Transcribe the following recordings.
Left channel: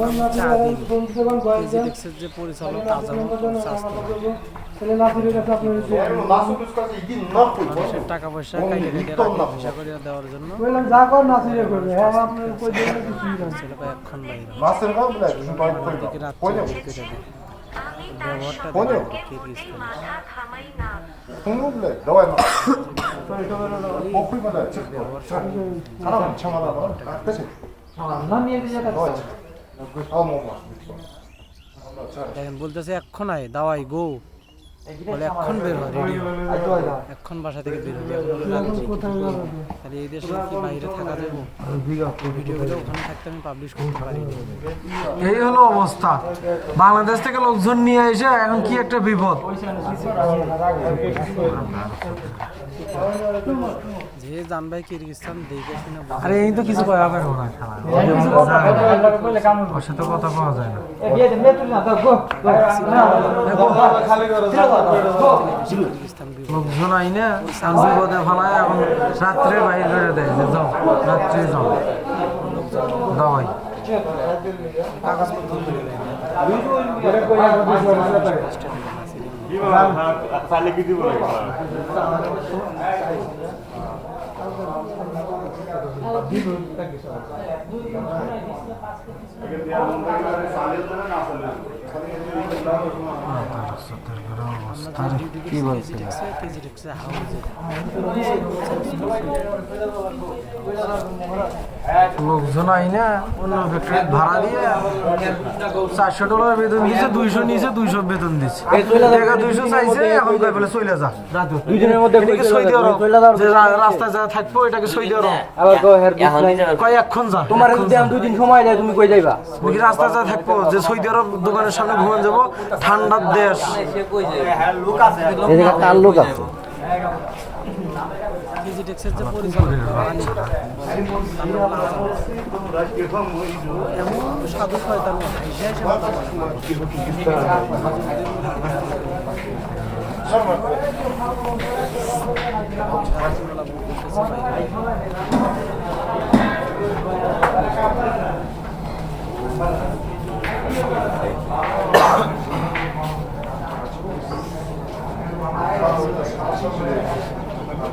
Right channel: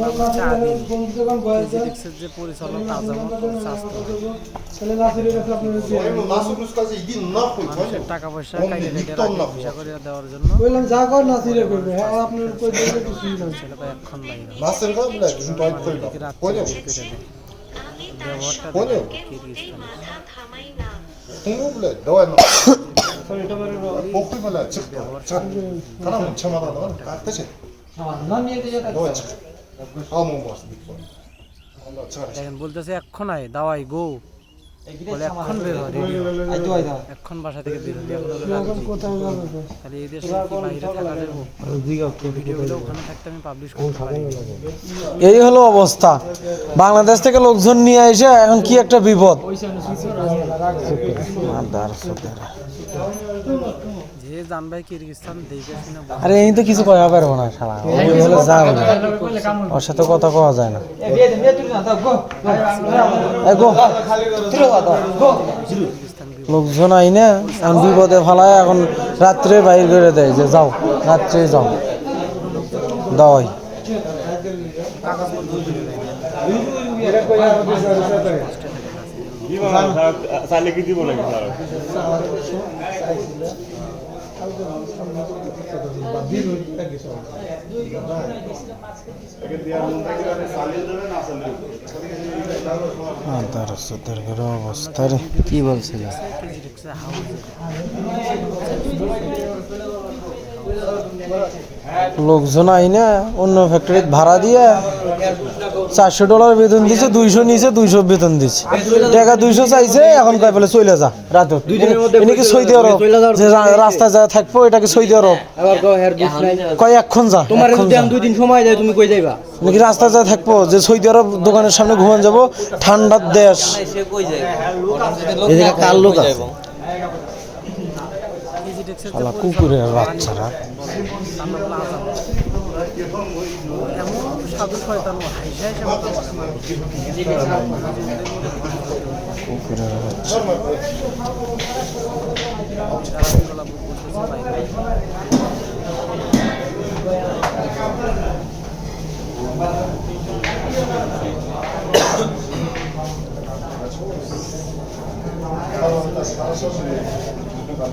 নাম হচ্ছে আদিল। কেজিটেক্সের যে পরিচালক আজমত ওর স্বাস্থ্য ভাই। মানুষের টাকা পয়সা কাইটে কাইটে রাখে ভিসা করিয়া দেওয়ার জন্য। ছেলে ভাই এখন বাইরে মানুষদেরকে রাত্রে বের করে দেয়। ব্যবহারটা দেখেন কিরগিজস্তানের দেখেন বলতেছে এক্ষণ আয় দাওয়াই গো বলে এক্ষণ বের হয় রেডি এক্ষণ বাসা থেকে বের হবে এখন হলো রাত্রি তাহলে এই দেশে কি বাইরে থাকা যাবো ভিডিওগুলো ওখানে থাকতে আমি পাবলিশ করতে পারিনি এই হলো অবস্থা বাংলাদেশ থেকে লোকজন নিয়ে এসে এখন কি একটা বিপদ যে জানবাই কিরগিজস্তান দেখে শুনে আরে এই তো কিছু কয়া পারবো না ওর সাথে কথা কওয়া যায় না লোকজন আই না এখন বিপদে ফেলায় এখন রাত্রে বাইর করে দেয় যে যাও রাত্রে যাও দাওয়াই কাগজপত্র করে দেয় চাইলে কি দিব নাকি অবস্থার কি বলছিল লোকজন আই না অন্য ফ্যাক্টরি ভাড়া দিয়ে $400 বেতন দিচ্ছে 200 নিচে 200 বেতন দিচ্ছে টাকা 200 চাইছে এখন কয় বলে চলে যা রাত 2 দিনের মধ্যে কি সই দেওয়ার যে রাস্তা যা থাকবো এটাকে সই দেওয়ার আবার কয় এখন যা তোমার যদি 2 দিন সময় দেয় তুমি কই যাইবা নাকি রাস্তা যা থাকবো যে সৌদি আরব দোকানের সামনে ঘুমান যাবো ঠান্ডার দেশ এদিকে কার লোক আছে এমন সাধু শয়তান হাইসা হাইসা কথা বলে রাত্রিবেলা বলতেছে বাইরে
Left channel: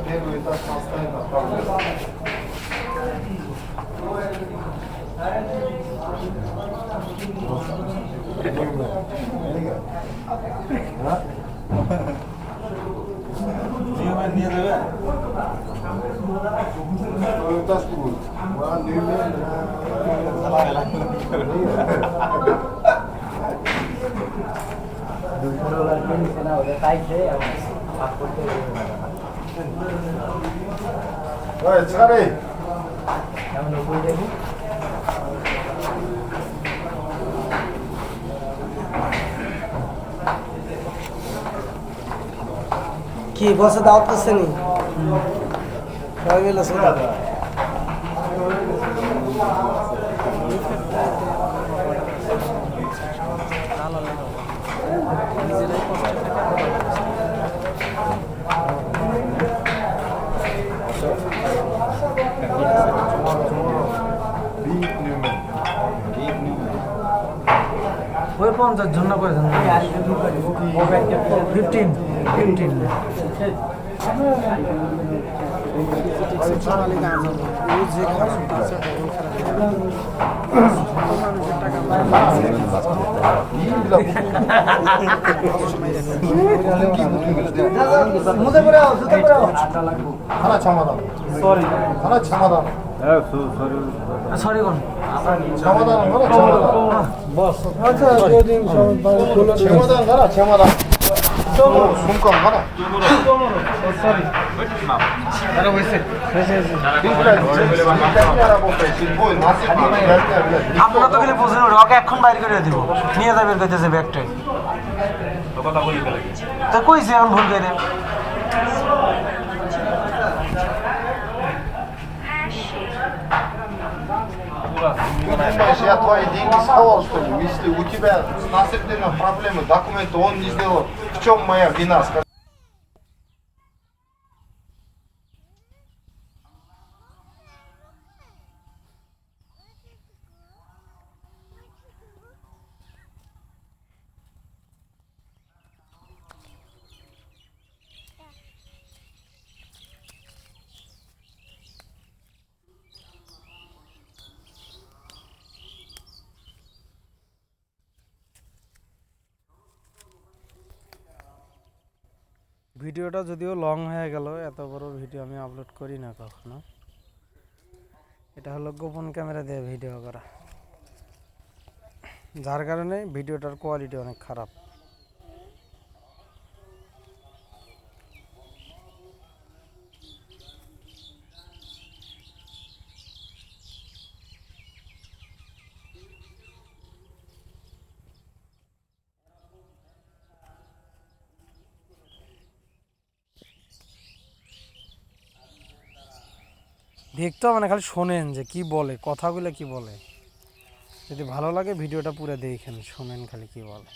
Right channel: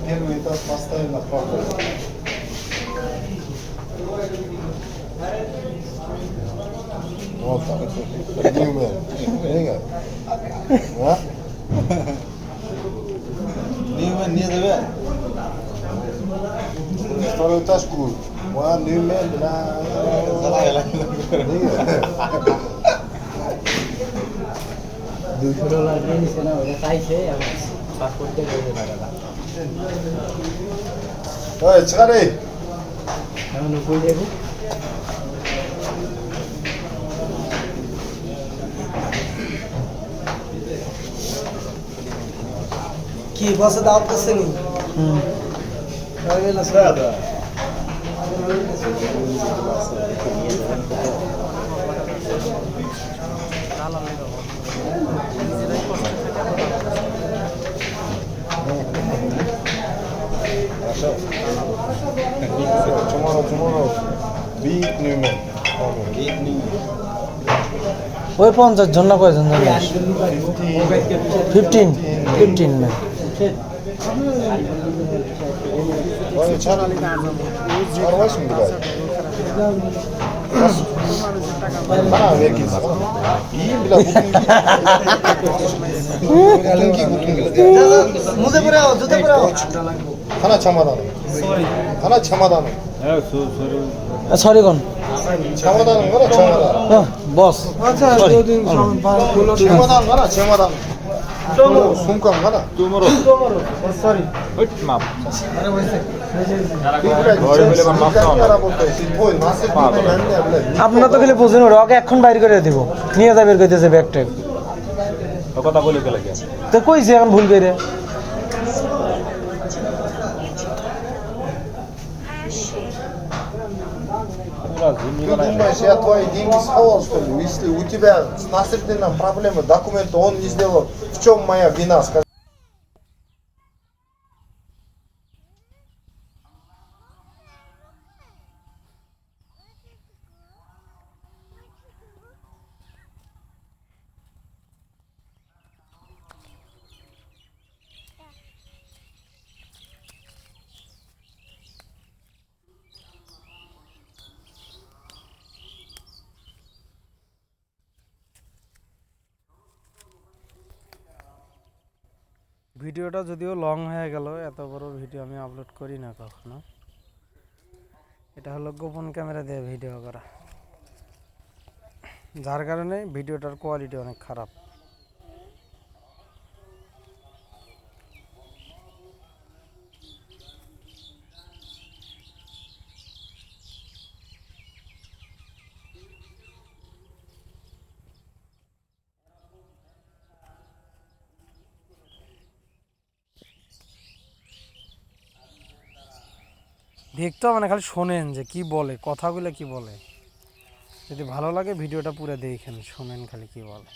Первый этаж постоянно проблема. Вот так. Не давай. Второй этаж круг. $200 দিয়ে নিছে না ওটা চাইছে Ой, чари. আমরা কই দেবো কি বসে দাওয়াত করছেনি হয়ে গেল নিজেরাই কষ্টে থাকে আমরা ওই 50 জন না কয়জন 15 সোনালি গান যে খারাপ তাছাড়া ডবল খারাপ মানুষের টাকা 하나 참아다는. 하나 참아다는. সরি কোন 참아다는 거나 참아다. বস 참아다는 거나 참아다. 손감 가나. আপনারা তো খালি বুঝেন ওকে এখন বাইর করে দিব নিয়ে যাবে কইতেছে ব্যাগটা কথা বলি গেলে তো কইছে এখন ভুল করে Думаешь, я твои деньги схавал, что ли? Если у тебя с насильственной проблемой документы он не сделал, в чем моя вина? ভিডিওটা যদিও লং হয়ে গেল, এত বড় ভিডিও আমি আপলোড করি না কখনো। এটা হলো গোপন ক্যামেরা দিয়ে ভিডিও করা, যার কারণে ভিডিওটার কোয়ালিটি অনেক খারাপ। দেখতে হবে না, খালি শোনেন যে কি বলে, কথাগুলো কি বলে। যদি ভালো লাগে ভিডিওটা পুরো দেখেন, শোনেন খালি কি বলে।